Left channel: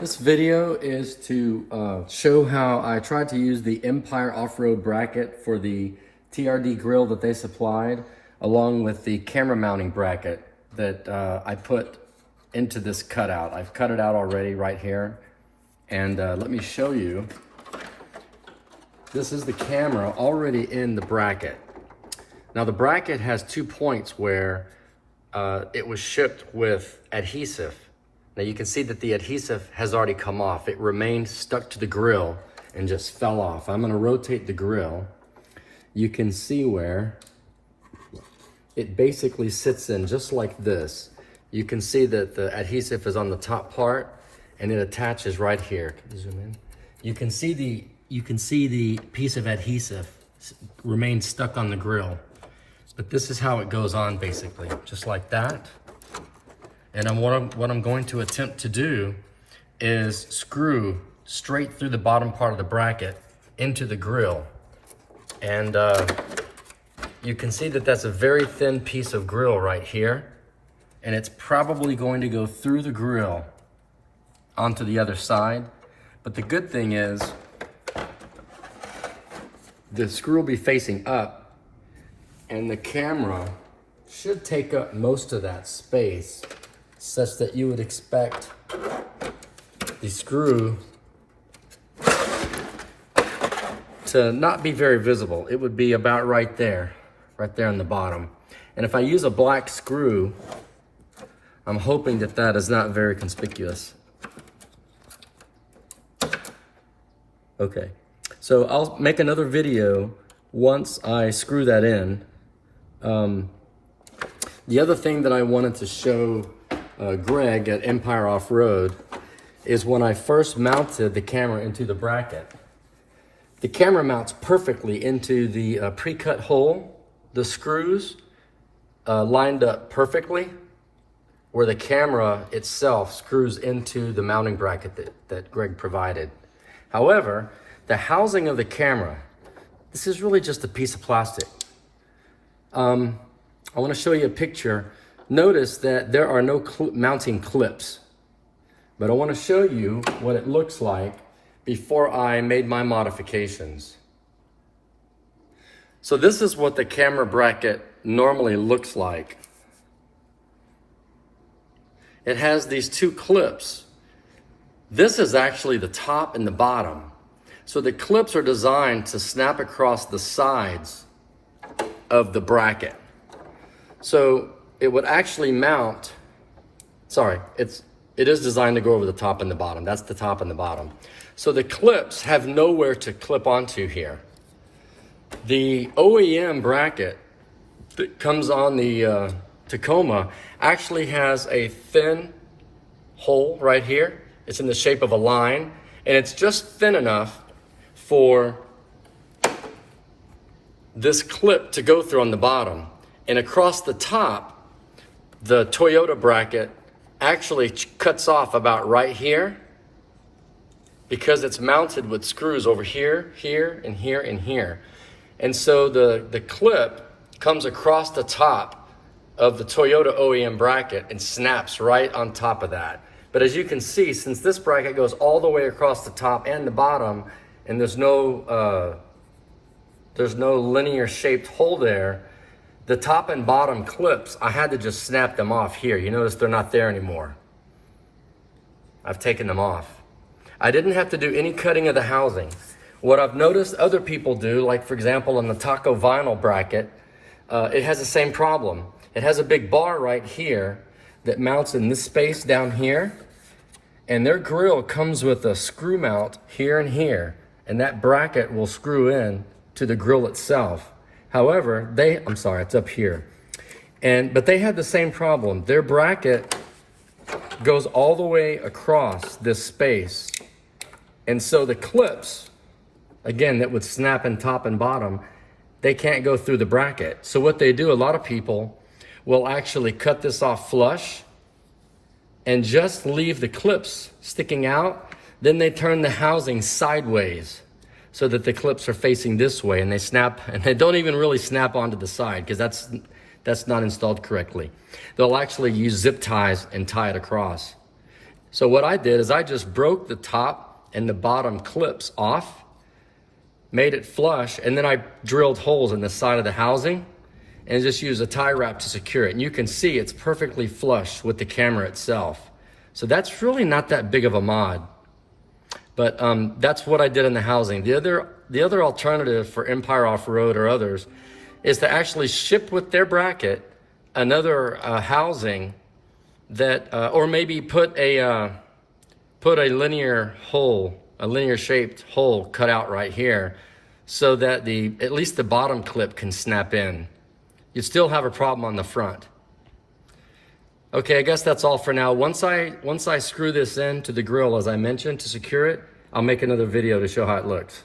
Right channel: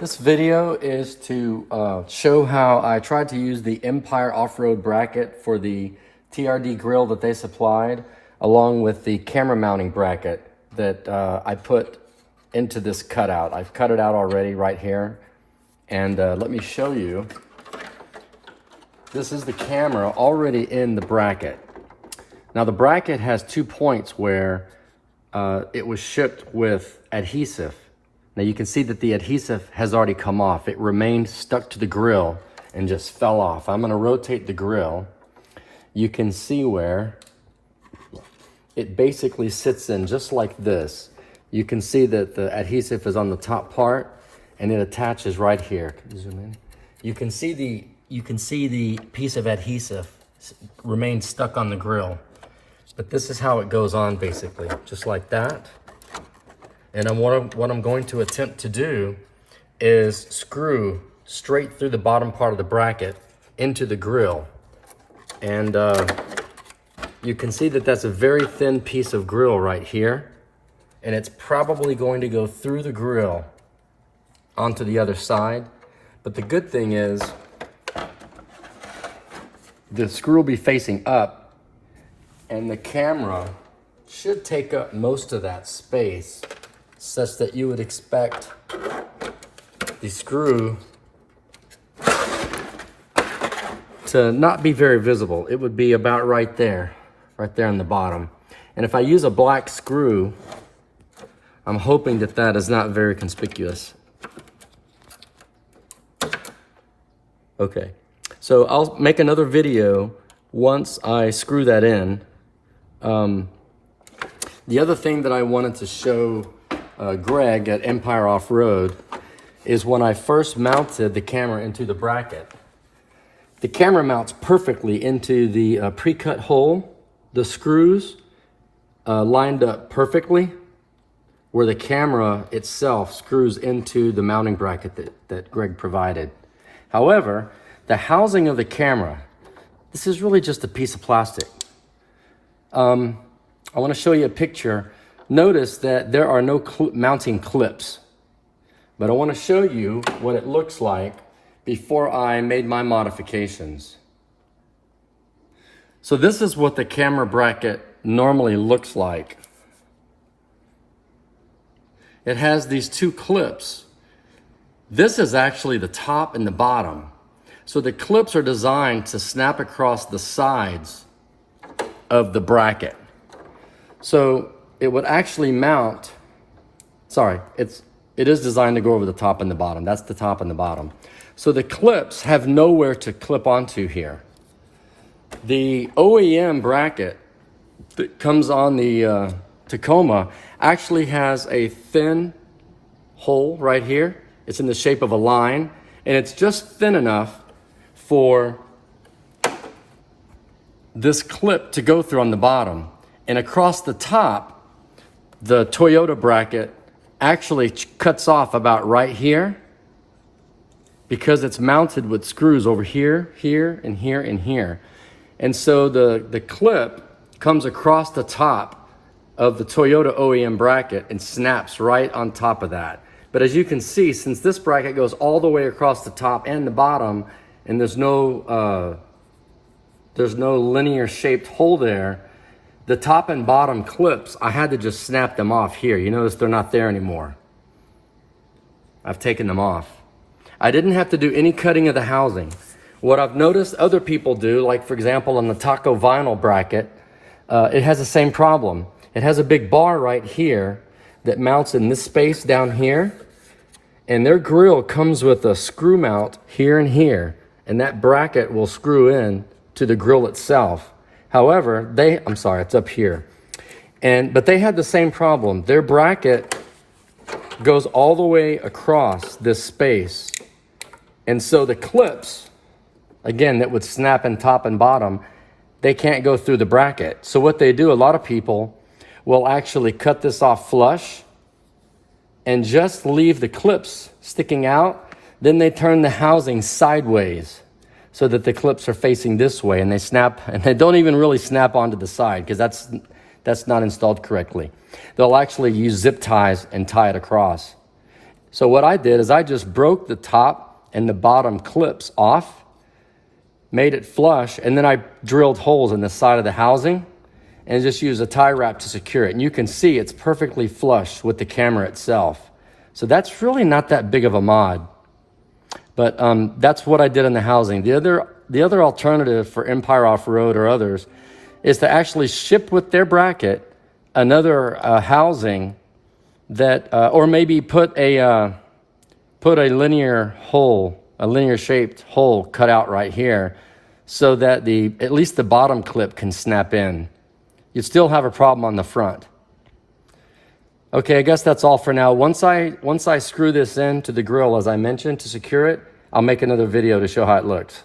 This video is to show how I tried to use the Empyre off-road bracket for the TRD grill that they supplied, along with the camera mounting bracket that I put into this cutout. I've cut it out already right here, and let me show you. This is the camera already in the bracket. Now the bracket has 2 points where it was shipped with adhesive. Now you can see that the adhesive has already come off. It remained stuck to the grill and just fell off. I'm gonna rotate the grill. You can see where it basically sits in just like this. You can see that the adhesive is on the top part and it attaches right here. Can you zoom in? You can see the piece of adhesive remains stuck on the grill. But this is how it goes on basically, just like that. And what I'm going to attempt to do is screw straight through the bottom part of the bracket into the grill. And you can see that that's a very thin piece of grill right here. And it's probably going to go through the grill onto the other side. But the good thing is the screw will be facing up and the camera should take up most of that space, such that you would expect the screw to not be very visible. It would be about right there on the bottom. And if I use a black screw, I'm hoping that that is not very conspicuous. Okay, so I'll make another video once I screw that in. The other thing that I wanted to show Greg at Empyre Off-Road is when I first mounted the camera into the bracket. The camera mounts perfectly into the pre-cut hole. The screws lined up perfectly where the camera itself screws into the mounting bracket that Greg provided. However, the housing of the camera, this is really just a piece of plastic. I want to show you a picture. Notice that there are no mounting clips, but I want to show you what it looks like before I made my modifications. So this is what the camera bracket normally looks like. It has these 2 clips. This is actually the top and the bottom. So the clips are designed to snap across the sides of the bracket. So it would actually mount, it is designed to go over the top and the bottom. That's the top and the bottom. So the clips have nowhere to clip onto here. The OEM bracket that comes on the Tacoma actually has a thin hole right here. It's in the shape of a line, and it's just thin enough for this clip to go through on the bottom. And across the top, the Toyota bracket actually cuts off about right here because it's mounted with screws over here, here, and here, and here. And so the clip comes across the top of the Toyota OEM bracket and snaps right on top of that. But as you can see, since this bracket goes all the way across the top and the bottom, and there's no linear shaped hole there, the top and bottom clips, I had to just snap them off here. You notice they're not there anymore. I've taken them off. I didn't have to do any cutting of the housing. What I've noticed other people do, like for example on the Taco vinyl bracket, it has the same problem. It has a big bar right here that mounts in this space down here, and their grill comes with a screw mount here and here, and that bracket will screw in to the grill itself. However, it's up here. But they had the same problem. Their bracket goes all the way across this space. And so the clips, again, that would snap in top and bottom, they can't go through the bracket. So what they do, a lot of people will actually cut this off flush and just leave the clips sticking out. Then they turn the housing sideways so that the clips are facing this way, and they snap, and they don't even really snap onto the side because that's not installed correctly. They'll actually use zip ties and tie it across. So what I did is I just broke the top and the bottom clips off, made it flush, and then I drilled holes in the side of the housing and just used a tie wrap to secure it. And you can see it's perfectly flush with the camera itself. So that's really not that big of a mod. But that's what I did in the housing. The other alternative for Empyre Off-Road or others is to actually ship with their bracket another housing that, or maybe put a linear hole, a linear shaped hole cut out right here, so that at least the bottom clip can snap in. You still have a problem on the front. Okay, I guess that's all for now. Once I screw this in to the grill, as I mentioned, to secure it, I'll make another video to show how it looks.